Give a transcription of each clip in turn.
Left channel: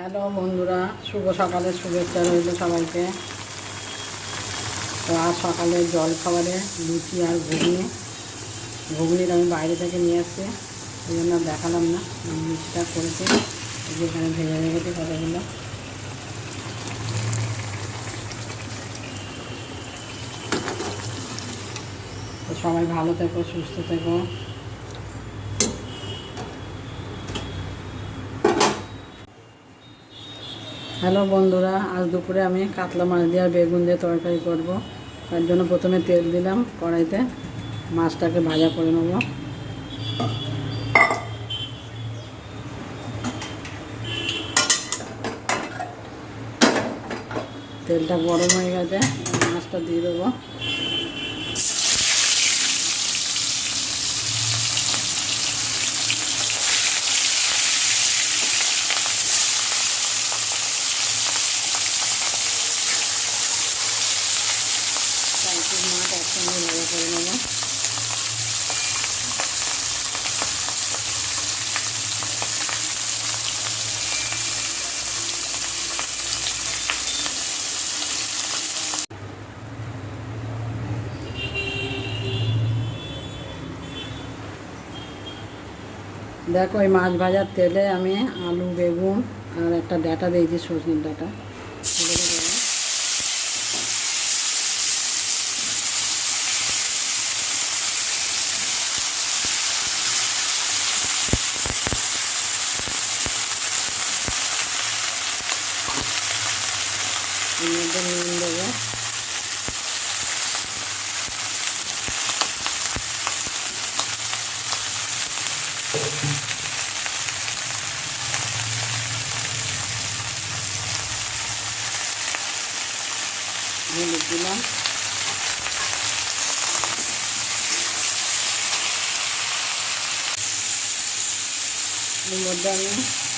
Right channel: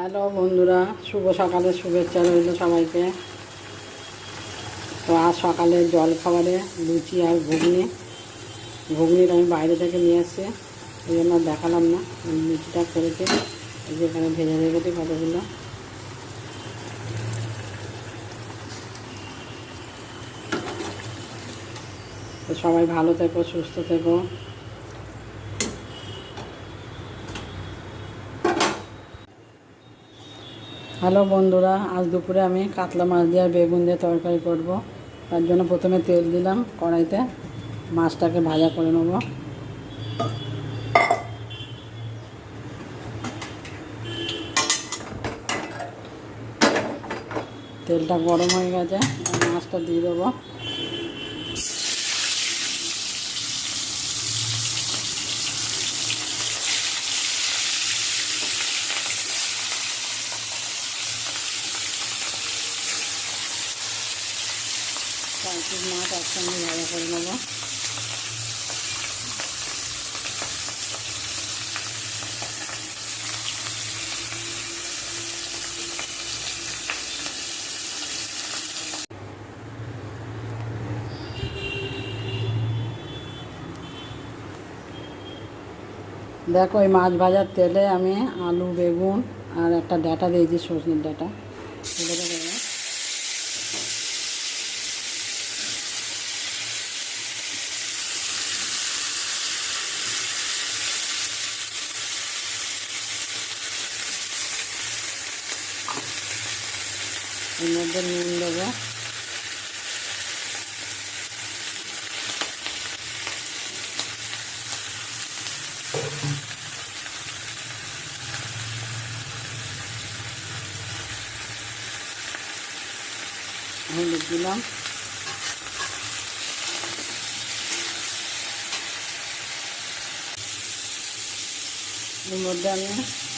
Hello বন্ধুরা, শুভ সকালের শুভেচ্ছা রইল সবাইকে। তো আজ সকালে জল খাবারে লুচি আর ঘুগনিটা আমি বাইরে থেকে নিয়ে আসছি, এই জন্য দেখালাম না। লুচিটা করেছি, যেখানে ভেজে রেখেছি কতগুলো। তো সবাই ভালো থেকো, সুস্থ থেকো। হ্যালো বন্ধুরা, আজ দুপুরে আমি কাতলা মাছ দিয়ে আর বেগুন দিয়ে তরকারি করব। তার জন্য প্রথমে তেল দিলাম কড়াইতে, মাছটাকে ভাজা করে নেব। তেলটা গরম হয়ে গেছে, মাছটা দিয়ে দেবো। মাছ একসঙ্গে ভাজা করে নেব। দেখো, এই মাছ ভাজার তেলে আমি আলু, বেগুন আর একটা ডাঁটা দিয়েছি, সজনের ডাঁটা। এর মধ্যে নুন দেবো, হলুদ দিলাম, এর মধ্যে আমি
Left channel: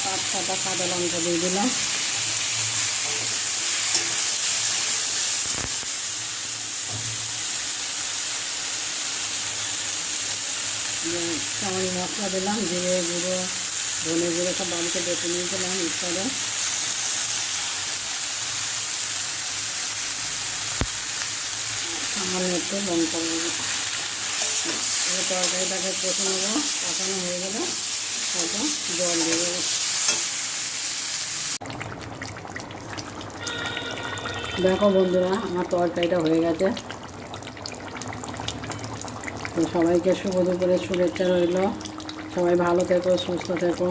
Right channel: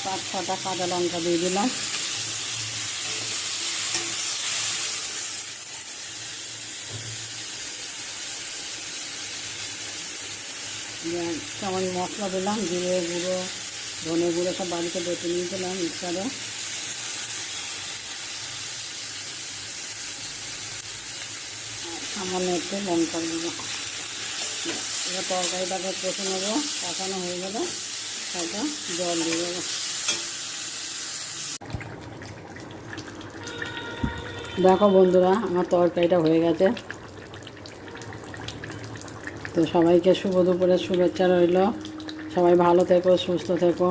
5-6টা কাঁচা লঙ্কা দিয়ে দিলাম। চামচ মশলা দিলাম, জিরে গুঁড়ো, ধনে গুঁড়ো সব বাড়িতে বেটে নিয়েছিলাম ইচ্ছারে। সামান্য একটু লঙ্কা দেবো। এবার তরকারিটাকে কষে নেবো, কষানো হয়ে গেলে হয়তো জল দিয়ে দেবো। দেখো বন্ধুরা, আমার তরকারিটা হয়ে গেছে। তো সবাইকে শুভ দুপুরের শুভেচ্ছা রইল। সবাই ভালো থেকো, সুস্থ থেকো।